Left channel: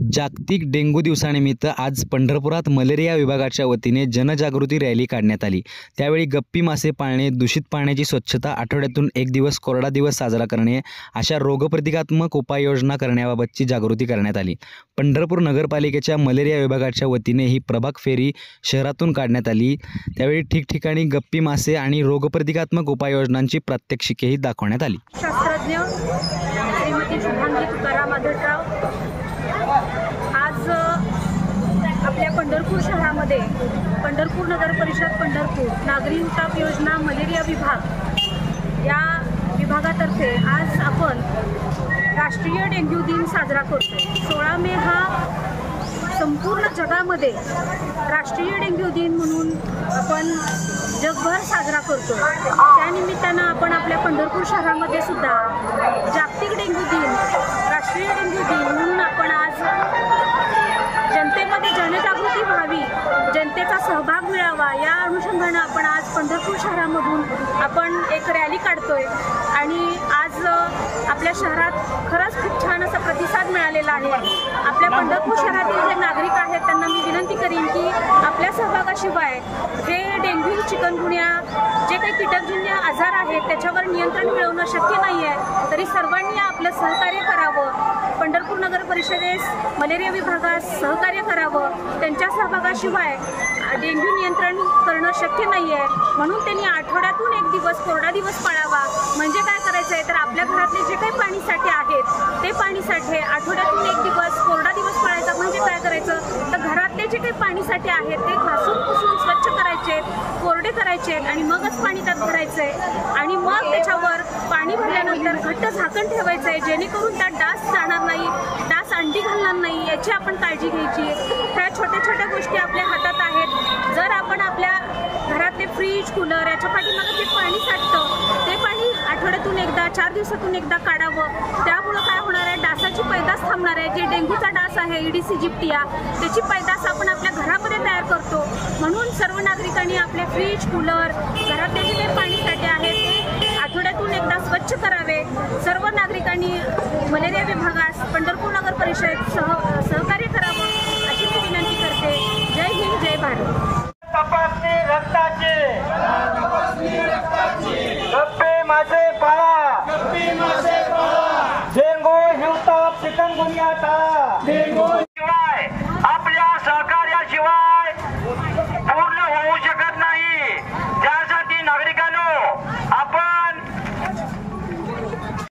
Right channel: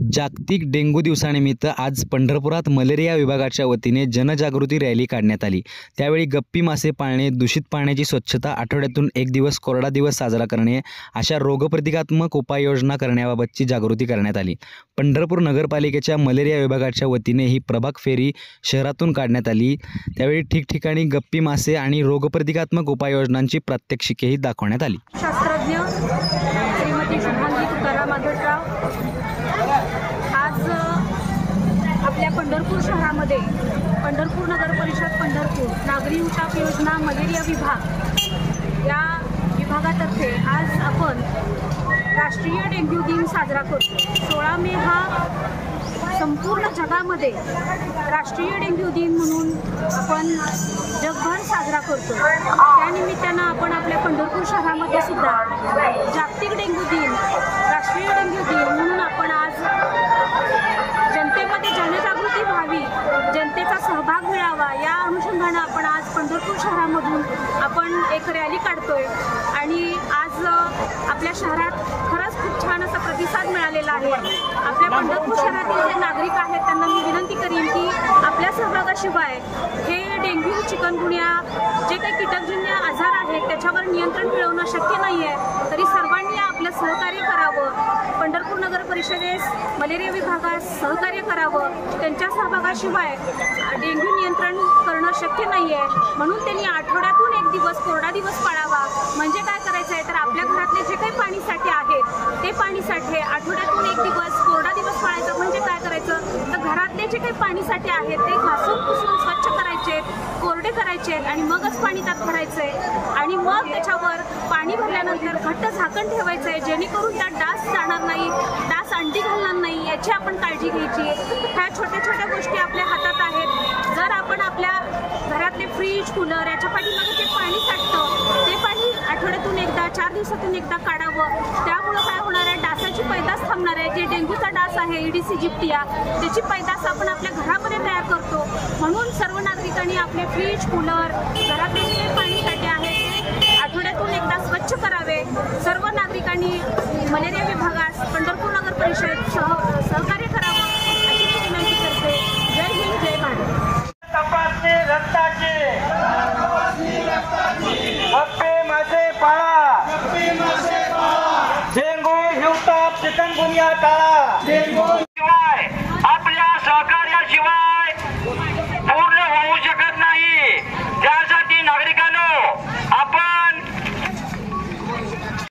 जागतिक डेंग्यू दिवसानिमित्त आज पंढरपुरात मलेरिया विभागाच्या वतीने जनजागृती रॅली काढण्यात आली। त्यावेळी गप्पी मासे पाळणे, दूषित पाण्याची स्वच्छता, आठवड्यातून एक दिवस कोरडा दिवस साजरा करणे अशा रोगप्रतिकात्मक उपाययोजना करण्याबाबतची जागृती करण्यात आली। पंढरपूर नगरपालिकेच्या मलेरिया विभागाच्या वतीने ही प्रभाग फेरी शहरातून काढण्यात आली। त्यावेळी ठिकठिकाणी गप्पी मासे आणि रोगप्रतिकात्मक उपाययोजनांची प्रात्यक्षिकेही दाखवण्यात आली। शास्त्रज्ञ श्रीमती शुभांगी तुकाराम आढळराव आज आपल्या पंढरपूर शहरामध्ये पंढरपूर नगर परिषद पंढरपूर नागरी उताप योजना मलेरिया विभाग या विभागातर्फे आज आपण राष्ट्रीय डेंग्यू दिन साजरा करतो। 16 मे हा संपूर्ण जगामध्ये राष्ट्रीय डेंग्यू दिन म्हणून आपण जगभर साजरा करतो। त्यानिमित्तानं आपण आपल्या पंढरपूर शहरामध्ये सुद्धा जागतिक डेंग्यू दिन, राष्ट्रीय डेंग्यू दिन म्हणून आपण आज जनतेमध्ये जनजागृती व्हावी, जनतेचा सहभाग मिळावा या अनुषंगानं आपण आज पंढरपूर शहरामधून आपण एक रॅली काढतोय आणि आज आपल्या शहरात खरंच खूप छान असा प्रतिसाद मिळालेला आहे। आपल्या पंढरपूर शहरातील जे नागरिक आहेत त्यांना मी विनंती करीन की आपल्या सहभागाशिवाय हे डेंग्यू, चिकनगुन्या जे काही कीटकजन्य आजार आहेत त्याच्यावर नियंत्रण मिळवणं शक्य नाही आहे। तरी सर्वांनी आपलं सहकार्य करावं, पंढरपूर नगर परिषदेस मलेरिया विभागास सहकार्य करावं। त्यांच्या सहभागाशिवाय डेंग्यू नियंत्रण करणं शक्य नाही आहे, म्हणून त्यांनी आठवड्यातून एक दिवस कोरडा दिवस पाळावा। म्हणजे काय करायचं आहे तर आपल्या घरातले जे काही पाणीसाठे आहेत ते पाणीसाठे आठवड्यातून एक दिवस कोरडा दिवस पाळायचा। म्हणजे काय करायचं तर घरातले जे काही पाणीसाठे आहेत ते घासून पुसून स्वच्छ करायचे, कोरडे करायचे आणि मगच पाणी त्यात भरायचंय आणि मग त्याच्यावर पाणी भरल्यानंतर घट्ट झाकण ठेवायचंय, जेणेकरून त्यात डास जाणार नाही, डास अंडी घालणार नाही याची आपण काळजी घ्यायची। ह्या छोट्या छोट्या गोष्टी आपल्या हातात आहेत। जर आपण आपल्या घरातले फ्रीज, कूलर याच्या पाठीमागे जे पाणी साठतं ते पाणी आठवड्यातून एकदा, 4 दिवसातून एकदा काढावं। त्यामुळं काय होणार आहे, डासाची पैदास थांबणार आहे। जे डेंग्यूचा डास आहे ईडीसी जिप्टिया त्याची पैदास आपण आपल्या घरामध्ये तयार करतो। म्हणून सर्व नागरिकांनी आपले फ्रीज, कूलर, घरातले जे काही पाणीसाठे आहेत ते आठवड्यातून एकदा स्वच्छ करावे। सर्व नागरिकांनी मलेरिया विभागास पंढरपूर नगर परिषद सहकार्य करावं अशी मी विनंती करते। जय हिंद, जय भारत। तपासणी रक्ताची, गप्पे मासे पाळा, डेंग्यू, हिवताप, चिकनगुन्या टाळा।